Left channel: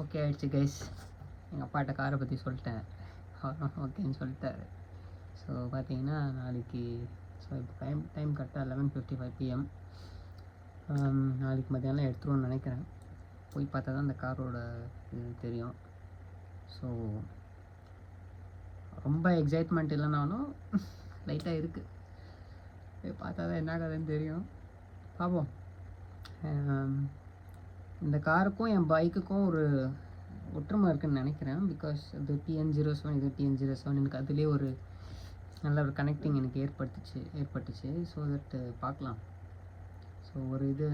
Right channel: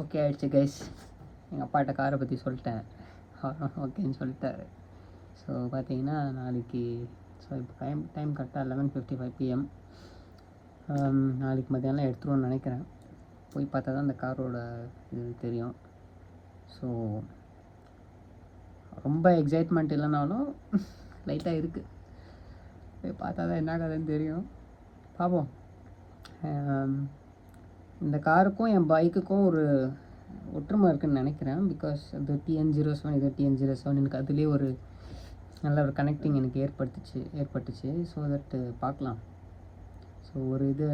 Okay ஆயிடுச்சு guys. எங்கள் அப்பாட்ட காரை பற்றி சொல்லிட்டேன், ஓகேன்னு சொல்லிட்டாரு. ஸோ பார்த்தீங்கன்னா நாளைக்கு, ஸோ இப்போ டைம் கரெக்டாக 11:55 PM. நாளைக்கு மத்தியானம் எடுத்துருவோன்னு நினைக்கிறேன். போய் பார்த்தா தான் அந்த காரோட இது தெரியும். ஸோ ரொம்ப எக்ஸைட்மெண்ட் இல்லைனாலும் லைட்டாக இருக்குது. போய் பார்த்தா தான் என்ன கதைன்னு தெரியும். பார்ப்போம். இந்த காருக்கும் என் பைக்குக்கும் ஒரு ஒற்றுமை இருக்குதுன்னு நினைக்கிறேன். பிகாஸ் அது TN07, இது TN07. எனக்கு அதுலேயே ஒரு நல்ல ஒரு கனெக்டிங் எனக்கு ஏற்பட்டுச்சு. ஸோ தட் பார்க்கலாம். ஸோ ஒரு இது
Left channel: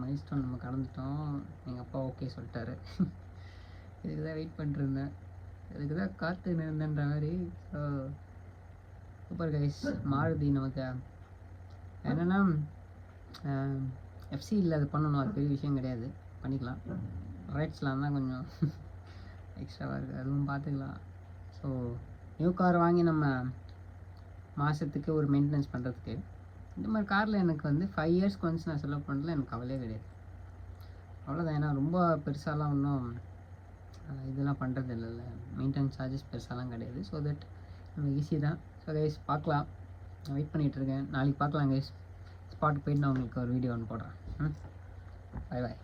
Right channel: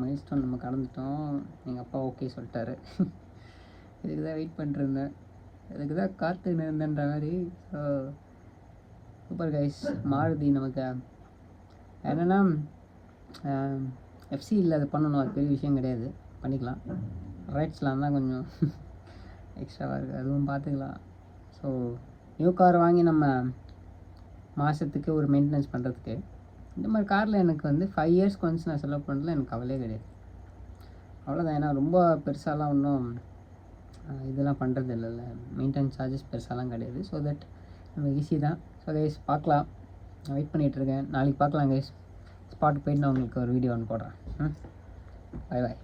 மைல்ஸ்டோன் நம்ம கடந்துட்டோம். எங்கள் அப்பா ஓகே சொல்லிட்டாரு. இதுக்கு தான் வெயிட் பண்ணிருந்தேன், இதுக்கு தான் காற்று இருந்தேன்ற மாதிரி. So super guys. மாருதி நமக்கு என்னென்னா FC இல்லை, அது பண்ணணும், அது பெரிய விஷயம் கிடையாது, பண்ணிக்கலாம். ரைட்ஸ்லாம் தான் கொஞ்சம் எக்ஸ்ட்ராவாக இருக்குது, அதுவும் பார்த்துக்கலாம். ஸோ நியூ கார் வாங்கி நம்ம மாதத்துக்கு ஒரு மெயின்டெனன்ஸ் பண்ணுறதுக்கு இந்த மாதிரி காரில் எனக்கு வந்து 5 இயர்ஸ்க்கு ஒன்ஸ் நான் செலவு பண்ணுறதுல எனக்கு கவலையே கிடையாது. அவ்வளோதான். ஏன்னா ரொம்ப பெருசாலாம் ஒன்றும் இதெல்லாம் பண்ணுறது இல்லைல்ல, மெயின்டெனன்ஸ் சார்ஜஸ் பெருசாலாம் கிடையாது. ஸோ தட் நம்ம ஈஸி தான். ஸோ கைஸ் பார்க்கலாம், நான் வெயிட் பண்ணிகிட்ருக்கேன். நாளைக்கு பார்க்கலாம் கைஸ். ஸ்பாட்டுக்கு போயிட்டு நான் உங்களுக்கு ஒரு வீடியோ ஒன்று போடுறேன். Bye bye.